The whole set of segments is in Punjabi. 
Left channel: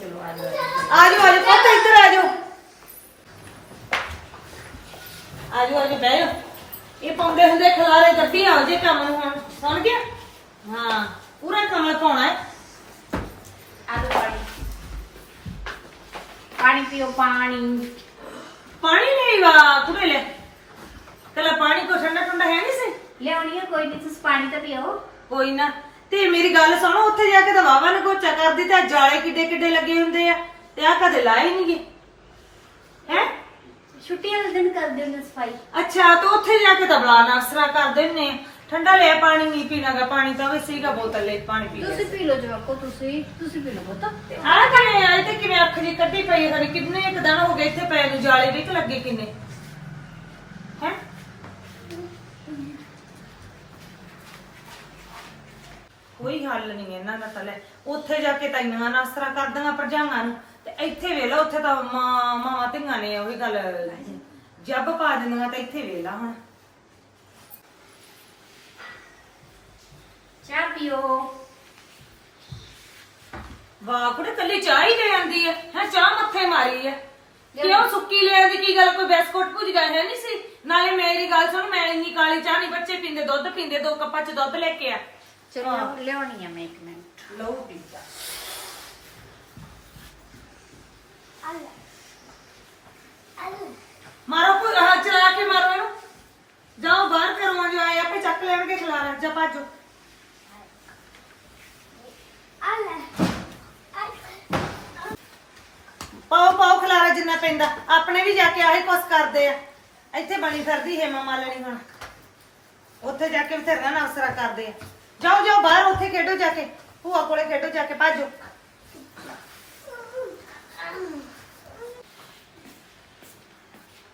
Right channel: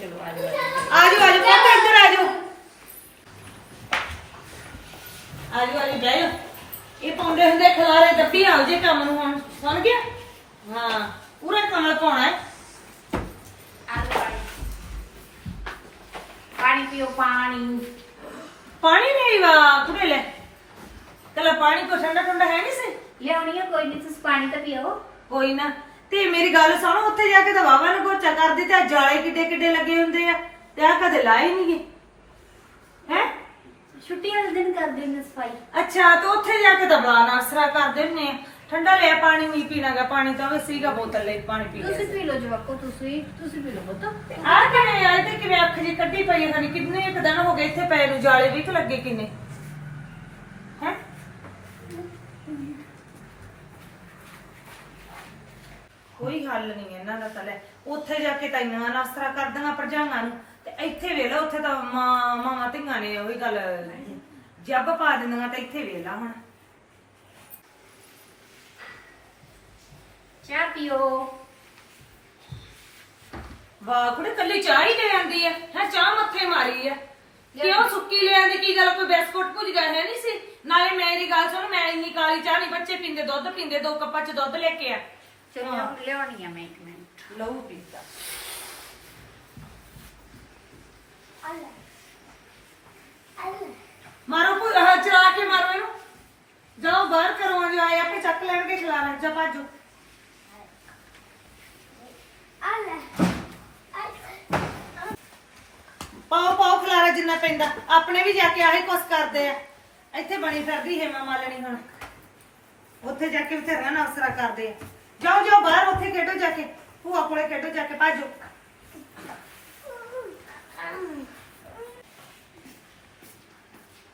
ਚਲੋ ਆ ਜਾਓ ਆ ਜਾਓ। ਪੁੱਤ ਇੱਧਰ ਆਜੋ ਆਜੋ ਆਜੋ ਬਹਿ ਜਾਓ। ਇਹ ਪਾਉਂਦੇ ਹੁੰਦੇ ਖਲਾਰੇ ਦੱਬੀ ਆਓ ਜੇ ਕੰਮ ਨੂੰ ਹੁਣ ਸੁਣ ਗਿਆ? ਹਾਂ ਪੂਰਾ ਕਮਲ ਪਾਉਣਾ ਹੈ। ਆ ਲਓ ਪਾਣੀ। ਪਾਣੀ ਪੀਓ ਪਾਣੀ। ਪਾਣੀ ਨਹੀਂ ਵਾ ਕੁੜੇ ਲੈ। ਕਲਾ ਪਾਣੀ ਕੋ ਠੰਡਾ ਠੰਡਾ ਹੈ ਨਹੀਂ ਸੀ? ਲਿਆਉਣੀ ਆ ਕੋਈ ਨਹੀਂ ਤੁਸੀਂ ਪਾਣੀ ਤਾਂ ਪੀਓ। ਕੋਈ ਨਾ। ਤੇ ਮੇਰੀ ਗੱਲ ਸੁਣੋ ਉੱਥੇ ਜਾ ਕੇ ਤਾਂ ਵਾਵਾ ਨੇ ਗੋਚਾ ਕਰਦੀ ਤੇ ਆਹ ਜਾਲੇ ਕਿੱਡੇ ਕਿੱਡੇ ਲੱਗੇ ਹੁੰਦੇ ਆ ਤੇ ਆ ਕਦੇ ਲਾਏ ਨਹੀਂਗੇ ਹੈ? ਛੁੱਟੀ ਵਾਲੇ ਦਿਨ ਕਰਦੇ ਹੁੰਦੇ ਸਫ਼ਾਈ। ਅੱਛਾ ਤੇ ਉੱਥੇ ਜਾ ਕੇ ਤਾਂ ਬਲਾ ਨਾਸਰਾ ਕਰ ਦਿੰਨੇ ਠੰਡਾ ਲਿਆ ਪਾਣੀ ਨਹੀਂ ਪੀਣਾਗਾ ਪਾਣੀ ਤਾਂ ਵੀ ਸੀਗਾ ਬੋਤਲ ਲੈ ਪਾਣੀ ਪੀ ਤੁਸੀਂ ਲਿਆ ਪੀ ਲਓ ਜਵਾਕੋ ਤੁਸੀਂ ਤੁਸੀਂ ਪੀ ਲਓ ਪੁੱਤ। ਆ ਕਿਵੇਂ ਆਏ ਤੇ ਕਿਵੇਂ ਅੱਖ ਜੀ ਕੱਢੀ ਪਈ ਹੈ ਖਣੀ ਕਿੰਨੇ ਇੱਕ ਦਿਨ ਹੋ ਗਏ ਇੱਥੇ ਪਏ ਨੂੰ ਜਾਲੇ ਵੀ ਕਿ ਲੱਗੇ ਕਿੰਨੇ ਹੈ ਕੋਈ ਹੱਲ ਨਹੀਂ ਇਹਨਾਂ ਦਾ ਤਾਂ ਲੈ ਉੱਥੇ ਜਾ ਕੇ ਤਾਂ ਇੰਨਾ ਨਾਸਰਾ ਕਰਦੀਆਂ ਭਰਜਾਈਆਂ ਨੂੰ। ਤੇ ਇੱਥੇ ਵੇਲਾ ਉੱਥੇ ਤਾਂ ਮਾਂ ਮਾਵਾਂ ਧੀਆਂ ਨੇ ਉਹੀ ਗੱਲ ਜੱਬ ਪਾ ਦਿੰਦੀਆਂ ਤੇ ਇੱਥੇ ਵੇਲਾ ਹੁਣ। ਚਾਹ ਪੀਓ। ਵਾਹ ਕੁੜੇ ਕੱਲੀ ਚਾਹ ਹੀ ਲੈ ਆਂਦੀ ਹੈ। ਹੈ ਚਾਹ ਮੱਥੇ ਮਾਰੀ ਹੈ। ਕਿਉਂ ਸੁੱਕੀ ਲੈ ਆਂਦੀ? ਕੀ ਗੱਲ ਕੋਈ ਬਿਸਕੁਟ ਭੁੱਜ ਗਿਆ ਹੈ ਨਹੀਂ ਸੀ? ਨਾਲੇ ਮੇਰੀ ਗੱਲ ਸੁਣ ਮੈਂ ਇੰਨੀ ਕਾਲੀ ਚਾਹ ਨਹੀਂ ਬੱਚੇ ਪੀਂਦੇ ਦੁੱਧ ਪੀਂਦੇ ਦੋ ਕੱਪਾਂ ਚ ਦੁੱਧ ਲੈ ਕੇ ਆ। ਚਲੋ ਲਿਆਉਣੀ ਆ ਮੈਂ ਇੱਕ ਮਿੰਟ। ਲਹੂ ਪੀਤਾ ਮਾਰੋ ਕੋਈ ਹਾਂ ਚਲਾ ਕੇ ਮਾਰੋ ਇਹਨੂੰ। ਜਾਓ ਬਾਹਰ ਕਰੋ ਜੋ ਆਏ ਆਪੇ ਚੱਕ ਲੈਣਗੇ ਖਿਲਾਰਾ ਜਾ ਭਾਜੋ ਪਾਓ ਪਾਓ ਖਿਲਾਰਾ ਜਿੰਨਾ ਪੈਂਦਾ। ਆਪਣੇ ਵੀ ਜਾ ਕੇ ਆਹੀ ਕੁਛ ਕਰਦੇ ਆ। ਇੱਥੇ ਬਣੀ ਫਿਰਦੀ ਹੇਮਾ ਮਾਲਣੀ ਹੁਣ। ਉੱਥੇ ਜਾ ਕੇ ਬਥੇਰਾ ਨਾਸਰਾ ਕਰਦੇ ਆ। ਜਾਓ ਜਾਓ ਬਾਹਰ ਉੱਥੇ ਖੇਡੋ ਜਾ ਕੇ। ਭੂਆ ਕੋਲੇ ਖੇਡੋ ਜਾ ਕੇ ਭਾਜੋ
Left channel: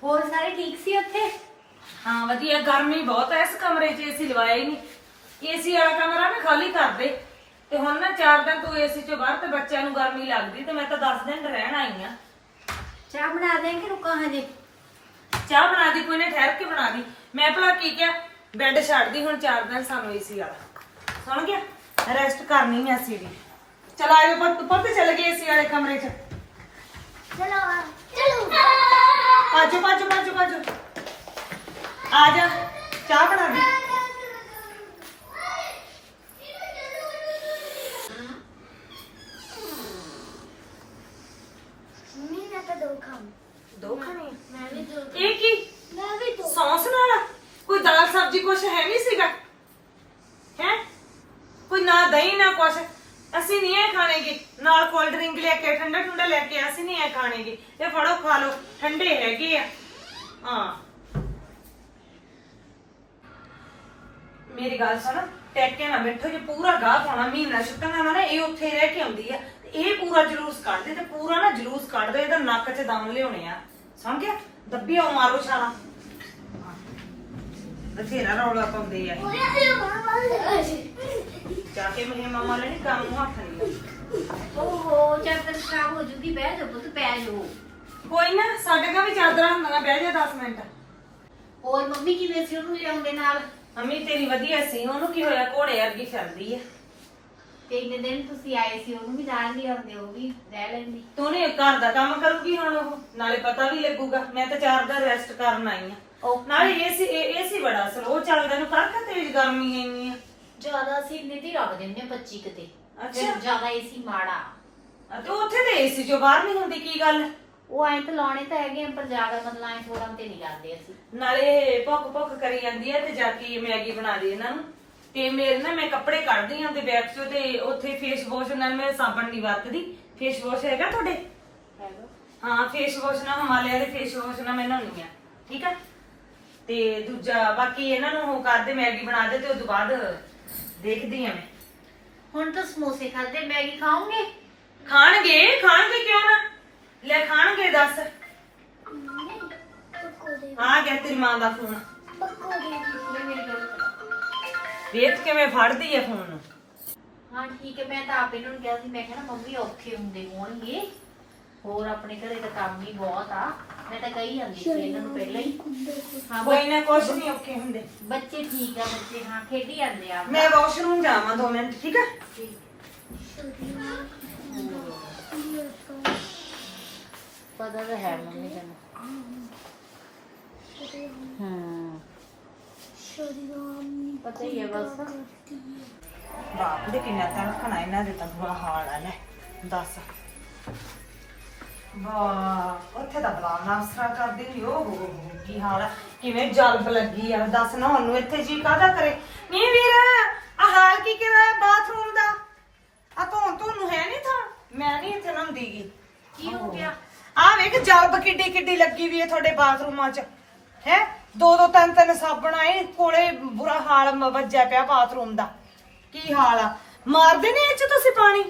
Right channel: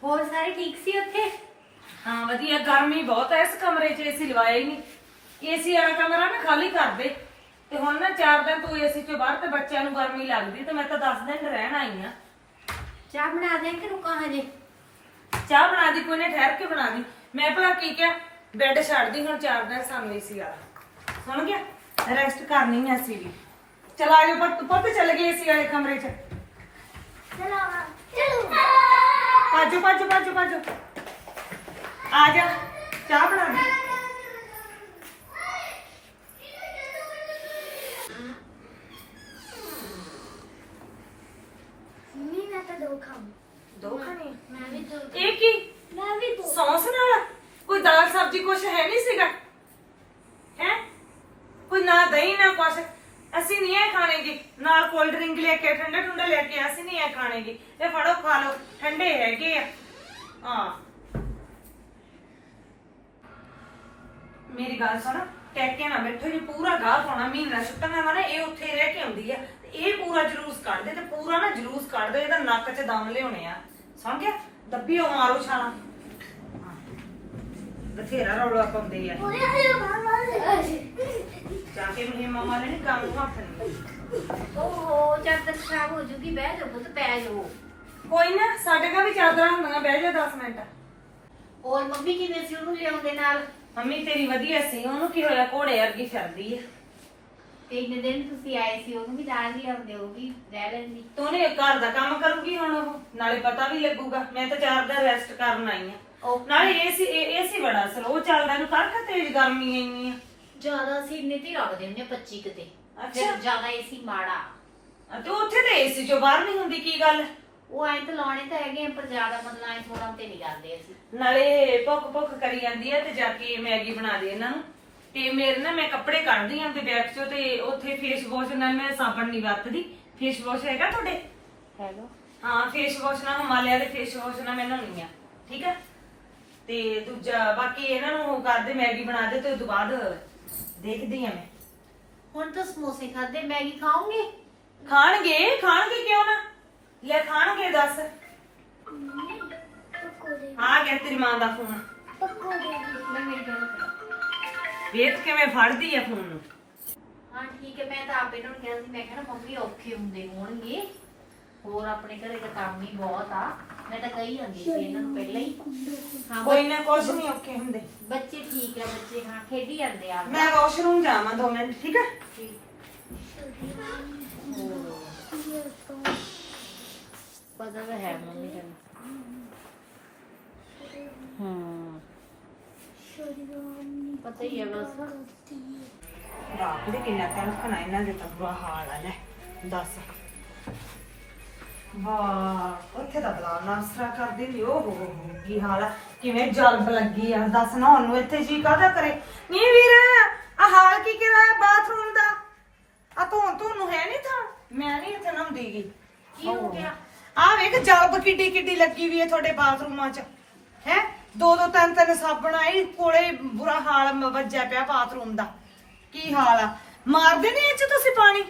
ਹੋਰ ਸਾਰੇ ਠੀਕ ਸੀ ਉੱਥੇ? ਹਾਂ ਵਧੀਆ। ਗਰਮੀ ਬਹੁਤ ਹੈ ਇਸ ਕਮਰੇ 'ਚ ਏਸੀ ਲਵਾਇਆ ਹੀ ਨਹੀਂ। ਏਸੀ ਵਾਲਾ ਕਮਰਾ ਨਾ ਖਾਲੀ ਕਰ ਦੇ। ਤੇ ਹੁਣ ਨਾ ਚਾਰ ਦਿਨ ਤੋਂ ਏਸੀ 'ਚੋਂ ਬਾਹਰ ਤੇ ਬੱਚਿਆਂ ਨੂੰ ਗਰਮੀ ਲੱਗਦੀ ਤੇ ਮੈਂ ਤਾਂ 10 ਦਿਨ ਰਹਿਣ ਆਈ ਆ। ਚਾਹ ਬਣਾ ਦੇ ਕਿ ਰੁਕਾਂ ਹਜੇ? ਚਾਹ ਬਣਾ ਦੀ ਕੋਈ ਨੇ ਠਹਿਰ ਕੇ ਬਣਾ ਦੀ। ਮੈਂ ਭਲਾ ਕੀ ਕਿਹਾ ਬੈੱਡ ਛੱਡਦੀ ਹੁਣ ਚਾਰ ਦਿਨ ਸਾਨੂੰ ਏਸੀ ਵਾਲਾ। ਸੁਣ ਗਿਆ? ਰੈਸਟ ਕਰਨੀ ਹੈ ਅਸੀਂ ਵੀ। ਚਲ ਆਇਓ ਪੁੱਤ ਪੁੱਤ ਚਲੇ ਗਏ ਏਸੀ ਵਾਲੇ ਕਮਰੇ 'ਚ। ਪਾਜੋ ਪਾਜੋ ਪਾਜੋ ਪਾਜੋ ਆ ਜਾ ਚਾਹ ਬਣਾ ਦੇ। ਦੋ ਖਾਣੀ ਇਹ ਕੀ? ਸੌਸ ਨਾਲ? ਕੋਈ ਦਾਲ ਸਬਜ਼ੀ ਕੁਛ ਹੈ ਨਹੀਂ ਸੀਗਾ? ਹੈ? ਕੋਈ ਨਾ ਦਹੀਂ, ਨਾ ਕੁਛ। ਅਸੀਂ ਨਹੀਂ ਇਹ ਖਾਣੇਗੇ। ਨਾਲ ਕੋਲਡ ਡਰਿੰਕ ਲੈ ਕੇ, ਠੰਡਾ ਠੰਡਾ ਲੈ ਕੇ, ਅਸੀਂ ਨਹੀਂ ਇਹ ਖਾਣੇਗੇ। ਇਹ ਫੜੋ, ਖਾ ਲਓ। ਠੰਡੇ ਹੈਗੇ ਆ। ਹਾਂ। ਮੇਰੀ ਗੱਲ ਸੁਣ, ਟੈਕੇ ਨਾ ਬੈਠੋ ਜੀ, ਪੂਰਾ ਗਾਹ ਪਾਉਣਾ, ਮਹੀਨਾ ਛੁੱਟਣਾ ਨਾ, ਇਹ ਉੱਥੇ ਰਹਿ ਕੇ ਆਉਂਦੀ ਆ। ਤੇ ਇਹ ਪੂਰਾ ਜਲੂਸ ਕੱਢਦੇ, ਤੇ ਪੂਰਾ ਨਾ ਜਲੂਸ ਕੱਢਦੇ, ਇਹਦਾ ਨੱਕ 'ਚ ਦਮ ਲਿਆਉਣੇ ਆ। ਸਮਝ ਗਿਆ? ਦੱਬੀ ਆ ਮਾਰੋ ਛਾਲਾ। ਬਥੇਰਾ ਰੌਲਾ ਪਾਉਂਦੀ ਆ। ਜਾ ਕੇ ਮੇਰੇ ਮਾਮਾ ਨੇ ਨੀ ਕੰਮ ਨੂੰ ਹੱਥ ਨਹੀਂ ਓਹੋ ਚਾਦਰ ਖਰਾਬ ਹੋ ਜੂਗੀ ਬਹਿ ਜਾਓ ਪੁੱਤ ਪੈ ਜਾਓ। ਕੋਈ ਨਾ ਸਾਡੇ ਕੋਲ ਵੀ ਚਾਦਰਾਂ ਹੁੰਦੀਆਂ ਬਹਿ ਜਾ 10 ਮਿੰਟ। ਹੋਰ ਮੰਮੀ ਕਿਵੇਂ ਸੀ ਉਹਨੂੰ ਲਿਆਉਂਦੇ ਨਾਲ? ਮੰਮੀ ਤੇਰੀ ਵਧੀਆ ਸੀ ਉਹਨੂੰ ਕੀ ਹੋਇਆ? ਘੋੜੇ ਵਰਗੀ ਫਿਰਦੀ ਆ। ਤੇ ਇੰਨੇ ਦਿਨ ਤੁਸੀਂ ਆਏ ਸੀ ਉਹਨੂੰ ਵੀ ਨਾਲ ਲਿਆਉਂਦੇ ਉਹ ਵੀ ਰਹਿ ਲੈਂਦੀ। ਤੂੰ ਨੇ ਘਰ ਦਾ ਕੰਮ ਕਰੂਗੀ ਹੁਣ ਉਹ? ਨਾਲੇ ਪਤਾ ਵੀ ਲੱਗੂਗਾ ਮੈਂ ਤਾਂ ਚਾਰ ਦਿਨ ਰੈਸਟ ਕਰਨ ਆਈ ਆ। ਉਹ ਨਾਲੇ ਏਸੀ ਏਸੀ ਬੜਾ ਸਲੋ ਚੱਲਦਾ ਨੂੰ ਕਰ ਤੇਜ਼ ਗਰਮੀ ਆਈ ਆ? ਜ਼ਿਆਦਾ ਸੀ ਇੰਨੇ ਤੇ ਹੀ ਰੱਖਦੇ ਹੁੰਦੇ 25 ਕਿਤੇ ਅੱਛਾ। ਫਿਰ ਜ਼ਿਆਦਾ ਏਸੀ ਮਾੜਾ। ਅਤੇ ਉੱਥੇ ਤੇ ਏਸੀ ਚੋਂ ਬਾਹਰ ਨਹੀਂ ਹੁੰਦੀ ਕੀ ਗੱਲ? ਉਹ ਐਂ ਤਾਂ ਲਾਉਣੇ ਤਾਂ ਹੈਗੇ ਆ, ਪਰ ਜ਼ਿਆਦਾ ਮਤਲਬ ਐਂ ਥੋੜਾ ਤੇ ਨਹੀਂ ਕਰਦੇ ਅਸੀਂ। ਨਾਲੇ ਭੁੱਖ ਭੁੱਖ ਕਰੀ ਜਾਂਦੀ ਆ ਤੇ ਜਾ ਕੇ ਮੈਗੀ ਬਣਾ ਦੇ ਇਹਨਾਂ ਨੂੰ। ਤੇ ਮੇਰੇ ਨਾ ਮੈਂ ਕੱਪੜੇ ਕੱਢਦੀ ਆਂ ਤੇ ਬੈਗ ਚੋਂ ਤੇ ਉੱਥੇ ਫੇਸ ਵਾਸ਼ ਨਾਲ ਮੈਂ ਸਾਬਣ ਨਹੀਂ ਵਰਤਦੀ। ਫੇਸ ਵਾਸ਼ ਹੈਗਾ ਤੁਹਾਡੇ? ਹੈਗਾ। ਹਾਂ ਫੇਸ ਵਾਸ਼ ਨਾਲ ਹਿਮਾਲਿਆ ਦੇ ਫੇਸ ਵਾਸ਼ ਨਾਲ ਮੈਂ ਨਹਾਉਣੀ ਆ। ਠੀਕ ਆ? ਤੇ ਦੂਜਾ ਬਾਕੀ ਇਹਨਾਂ ਨੂੰ ਉਹ ਕਰਦੇ ਮੈਗੀ ਬਣਾ ਦੇ ਤੇ ਉਸ ਤੋਂ ਬਾਅਦ ਦੇਖਦੀ ਆ ਮੈਂ। ਹੁਣ ਤਾਂ ਸਮੋਸੇ ਖਾਦੇ ਮੈਗੀ ਖਾਓਗੇ? ਖਾਣਗੇ ਖਾਣਗੇ ਕਿਉਂ ਨਾ? ਲੈ ਖਾਣਗੇ ਦੱਸ। ਆ ਗਿਆ ਤੇਰੀ ਮਾਂ ਦਾ ਫੋਨ। ਮੇਰੀ ਗੱਲ ਕਰੋ ਵੇਖ ਕਿਵੇਂ ਫੜਦੀ ਆ ਫੋਨ ਨੂੰ। ਹਾਂ ਠੀਕ ਹੈ ਮੈਂ ਤਾਂ ਆਪ ਇਹਨਾਂ ਨੂੰ ਕਿਹਾ ਸੀ ਮੈਂ ਕਿਹਾ ਨਾ ਮੰਮੀ ਔਖੇ ਹੁੰਦੇ ਹੋਣਗੇ। ਹੋਰ ਆਪਣੇ ਘਰੇ ਤਾਂ ਕੰਮ ਹੀ ਬਹੁਤ ਆ। ਮੈਂ ਤਾਂ ਕਹੀ ਜਾਂਦੀ ਸੀ ਇਹਨਾਂ ਨੂੰ ਪਹਿਲਾਂ ਹੀ। ਹਾਂ ਕੋਈ ਮੈਂ ਕੁਝ ਨਹੀਂ ਓਕੇ ਹੁੰਦੇ। ਬੱਚੇ ਠੀਕ ਆ ਬੱਚੇ ਹਾਂ ਖੇਡੀ ਜਾਂਦੇ ਆ। ਮੈਂ ਵਾਸ਼ਰੂਮ ਜਾਵਾਂ 2 ਮਿੰਟ ਠੀਕ ਹੈ ਪਤਾ ਤਾਂ ਹੈ ਮੰਮੀ ਤੈਨੂੰ। ਹਾਂ। ਪਤਾ ਹੀ ਹੈ ਬਸ। ਬਾਪ ਦੇ ਕਿੰਨਾ ਤਣਖਣਾ ਇਹਨਾਂ ਦੇ ਤਾਂ ਬੁਰਾ ਆ ਲੈ ਦੱਸ। ਵਾਹ ਉੱਥੇ ਤਾਂ ਬਲਾਉਣਾ ਅਸਰਾ ਕਰਦੀ ਨਹੀਂ ਉਹ ਹੋ ਹੋ ਹੋ, ਕੀ ਹਾਲ ਆ? ਕਿਵੇਂ ਜਲਬ ਲੱਗੀ ਆ? ਦੱਸ ਨਾ ਉਹਨੂੰ ਇੱਥੇ ਜੀ ਕਾਹਦਾ ਕਰੇ? ਨਹੀਂ ਵੀਰ ਆ ਹਾਲ ਕੀ ਕਰਾਇਆ ਬਾਥਰੂਮ ਦਾ? ਆ ਤੂੰ ਤੁਹਾਨੂੰ ਹੈ ਨਹੀਂ ਥਾਂ? ਮੈਂ ਨਹੀਂ ਇੱਥੇ ਨੰਦੀਗੀ ਕੀ ਹੋ ਗਿਆ? ਆ ਵੇਖ ਜਲਬ ਕਿੱਡੀ ਕਿੱਡੀ ਲੱਗੀ ਵੀ ਹੈ ਤੁਹਾਡੇ ਬਾਥਰੂਮਾਂ 'ਚ। ਹੈ? ਦੋ ਦੋ ਤਿੰਨ ਤਿੰਨ ਸਾਬਣ ਆਏ ਕੋਲੇ ਬੁਰਾ ਹਾਲ ਮ- ਵੱਜਿਆ ਪਿਆ ਬਾਥਰੂਮ ਦਾ। ਕੀ ਹਾਲ ਆ? ਮਾਰਦੇ ਨੇ ਇਹ 'ਚ ਤੁਸੀਂ ਪਾਣੀ?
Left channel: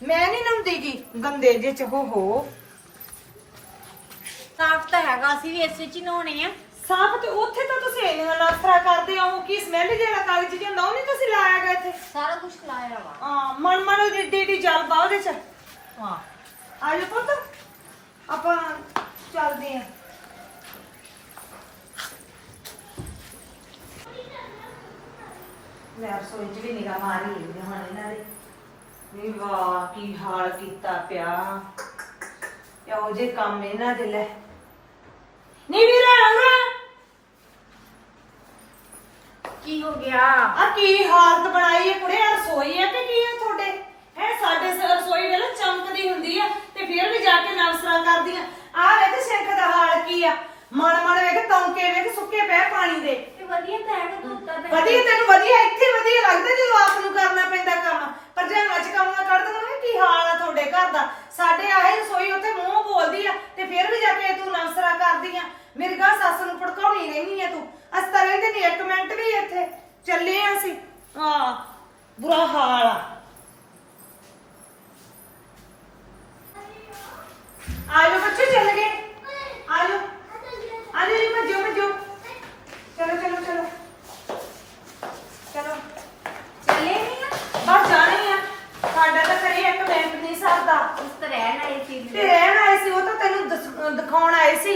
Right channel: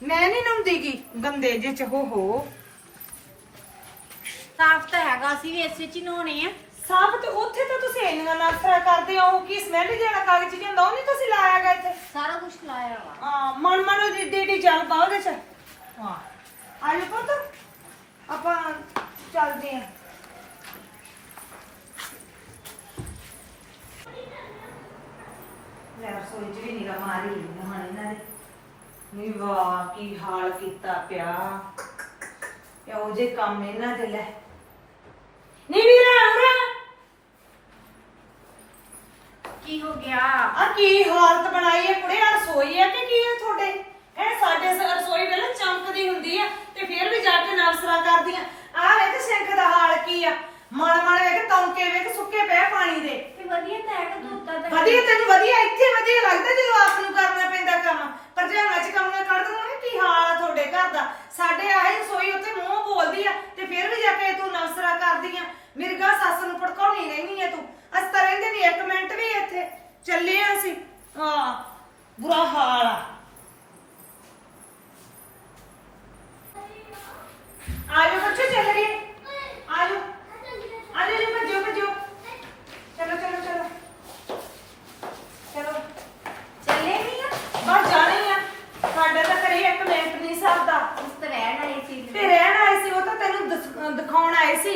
ਮੈਂ ਨਹੀਂ ਨੰਦੀਗੀ ਗੰਦੇ ਜੇ ਚ ਹੋ ਹੋ। ਸਾਫ਼ ਤਾਂ ਹੈਗਾ ਅਸੀਂ ਵੀ ਏਸੀ ਚ ਨਹਾਉਣੇ ਆ। ਸਾਫ਼ ਤੇ ਉੱਥੇ ਤਾਂ ਤੁਸੀਂ ਇੰਨਾ ਨਫਰਾ ਕਰਦੇ ਹੋ ਕੀ ਸਮੈਲ ਜਿਹੜਾ ਕਾਗਜ਼ ਹੁੰਦਾ ਉਹ ਨਹੀਂ ਤੁਸੀਂ ਲਾਇਆਗਾ ਇੱਥੇ? ਸਾਰਾ ਕੁਝ ਲਾਇਆ ਵਾ। ਹਾਂ ਮਨ ਮਨ ਦੀ ਡੀ ਜਲ ਪਾ ਉਹਦੇ ਚ। ਹਾਂ। ਆ ਜਾ ਪੁੱਤ ਆਪਾਂ ਚੱਲਦੇ ਆਂ ਲੈ ਰਸੋਈ ਚ ਵੀ ਨਿਗਾਹ ਮਾਰੀ ਲਈ ਹੁਣ ਇਹਨਾਂ ਦੇ। ਨੀ ਵਾਹ ਕੀ ਹਾਲ ਕੀਤਾ ਪਿਆ? ਇਹੋ ਜੇ ਕੰਮ ਇਹਨਾਂ ਦੇ ਲੈ। ਨੀ ਵੀਰਾ ਉਰਾ ਕੀ ਹੋ ਗਿਆ? ਆ ਕੀ ਹਾਲਤ ਬਣਾਈ ਹੈ? ਕੁੜੇ ਆ ਰਸੋਈ ਹੈ ਕਿ ਕੀ ਹੈ ਤੁਹਾਡੇ? ਹੈ ਸਾਡੇ ਸ- ਰਸੋਈ ਵੇਲੇ ਚਮਕਦੀ ਹੁੰਦੀ ਹੈ ਤੇ ਫਿਰ ਵੀ ਜਾ ਕੇ ਨਵਸਰਾ ਕਰਦੀਆਂ ਆ ਵੇਖ ਸਿੰਕ ਦਾ ਹਾਲ ਕੀ ਆ। ਮਣ ਮਣ ਵੇਖ ਤੌਂਕੇ ਵੇਖ ਸੁੱਕੇ ਪਏ ਪਾਣੀ ਦੇ। ਤੇ ਵਧੀਆ ਤਾਂ ਹੈਗਾ ਧੋਤਾ ਤਾਂ। ਵਧੀਆ ਤੈਨੂੰ ਵਧੀਆ ਇੱਥੇ ਵਧੀਆ ਲੱਗਦਾ ਜਦੋਂ ਆਪ ਨੂੰ ਕਰਨਾ ਪੈਂਦਾ ਕੰਮ। ਪਰ ਜੇ ਵਿੱਚ ਕੰਮ ਕੱਢ ਦੇਣਾ ਕੀ ਹਾਲ ਆ ਤੁਹਾਡੇ ਘਰ ਦਾ। ਸਾਡੇ ਆਏ ਰਸੋਈ ਉੱਥੇ ਮੂੰਹ ਬੋਲਦੀ ਆ ਤੇ ਫਿਰ ਵੀ ਜਾ ਕੇ ਤੂੰ ਨਵਸਰਾ ਕਰਦੀ ਆ। ਮੇਰੀ ਗਾਂ ਸੱਸ ਨੂੰ ਭੜਕਾਉਣੀ ਨਹੀਂ ਹੈ ਤੂੰ। ਅਸੀਂ ਤਾਂ ਰਹਿੰਦੇ ਨਹੀਂ ਇੱਕ ਮਿੰਟ ਵੀ ਇੱਥੇ। ਚੱਲੇ ਆ ਅਸੀਂ। ਹਾਂ, ਬੁਰਾ ਹਾਲ ਆ। ਆਜੋ ਬੱਚੇ, ਚੱਲ ਗਏ। ਆਜੋ। ਆਜੋ ਜੀ, ਭੱਜੋ ਭੱਜੋ ਚਲੋ ਚਲੋ ਚਲੋ ਚਲੋ ਚੱਲੇ ਨਹੀਂ ਆ ਬਸ ਜਾਣੀ ਆ ਸਾਡਾ ਤਾਂ ਕਰੇ ਇੱਕ ਮਿੰਟ ਨਹੀਂ ਸਰਦਾ ਉਸ ਤੇ ਰਹਿਣ ਵਾਲੀ ਚੀਜ਼ ਤੇ ਰਹਿਣ ਆਏ ਸੀ ਉਹ ਤਾਂ ਤੈਨੂੰ ਦਸ- ਦਿਖਾਉਣ ਆਏ ਸੀ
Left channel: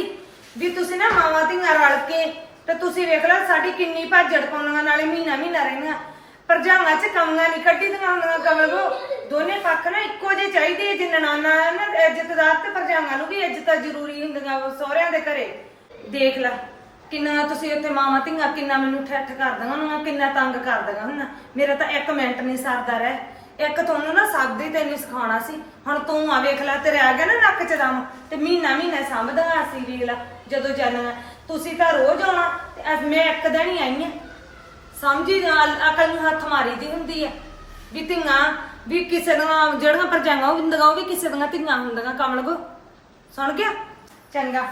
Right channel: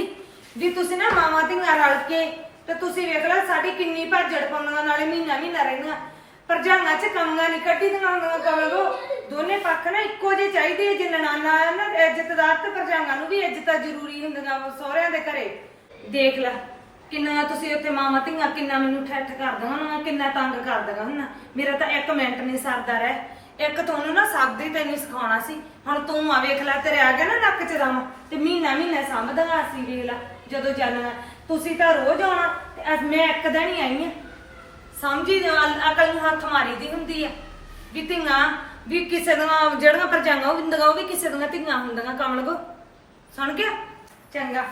ਵੀ ਤੁਸੀਂ ਨਾ ਮਾਵਾਂ ਧੀਆਂ ਰਲ ਕੇ ਤੇ ਤੁਸੀਂ ਵੇਖ ਲਓ ਸਾਡੀ ਕਿੰਨੀ ਭੱਜੜ ਪਾਉਣੀਆਂ ਨਾਲੇ ਮਹੀਨਾ ਮਹੀਨਾ ਰਹਿਣਾ ਪਰਜਾਂਗਾ ਚ ਕਮੀਆਂ ਨਹੀਂ ਕੱਢੀ ਦੀਆਂ ਕਮਲੋ ਦੋਨੇ ਪੱਖ ਨਾ ਇੱਕੋ ਜਿਹੇ ਚਾਹੀਦੀ ਹੈ ਜਿੰਨਾ ਨਾਨਾ ਹੈ ਨਾ, ਇੱਜ਼ਤਦਾਰ ਤੇ ਪਰਜਾਂਗਾ ਨੂੰ ਵੀ ਇੱਜ਼ਤਾਂ ਜ਼ਰੂਰੀ ਹੁੰਦੀਆਂ ਵਾ ਸਹੁਰਿਆਂ ਦੇ ਘਰੇ। ਦੇਖ ਲੈ, ਕਿੰਨਾ ਤੁਸੀਂ ਉੱਥੇ ਮਾਵਾਂ ਧੀਆਂ, ਕਿੰਨਾ ਮੈਨੂੰ ਠੱਠ ਕਰ ਕਰਦੀਆਂ ਉਹਨਾਂ ਕਿੰਨਾ ਤੰਗ ਕਰਦੀਆਂ ਹੁਣ ਮੇਰਾ ਤਾਂ ਇੱਕ ਮਿੰਟ ਨਹੀਂ ਸਰਦਾ ਰਹਿ। ਇੱਕ ਤੁਹਾਨੂੰ ਨਾ ਸਭ ਦੀ ਤੈਨੂੰ ਸਿਖਾਉਣਾ ਸੀ। ਹੁਣ ਤੂੰ ਆ ਵੇਖ ਲੈ ਤੇਰੇ ਆ ਗਿਆ ਨਾ ਨੱਕ 'ਚ ਦਮ, ਤੇ ਮਹੀਨਾ ਮਹੀਨਾ ਸੰਭਦੀਆਂ ਅਸੀਂ ਵੇਖ ਲੈ ਜਦੋਂ ਜਾਨੂਗਾ ਤੁਸੀਂ ਤਾਂ ਰੋਜ਼ ਆਉਣਾ, ਤੇ ਅੱਜ ਮੈਂ ਇੱਕ ਦਿਨ ਹੀ ਆਈ ਆ। ਸਮਝੀ ਨਾਲ ਅਕਲ ਨੂੰ ਹੱਥ ਮਾਰੀ ਦੀ ਹੁੰਦੀ ਆ। ਵੀ ਧੀਆਂ, ਵੀ ਕਿਸੇ ਦੀਆਂ ਜਿਹੜੀਆਂ ਪਰਜਾਈਆਂ ਹੁੰਦੀਆਂ, ਉਹ ਵੀ ਕਿਸੇ ਦੀਆਂ ਧੀਆਂ ਹੁੰਦੀਆਂ, ਕਮਲ ਕੋ। ਸੁਣ ਗਿਆ ਚੰਗਾ।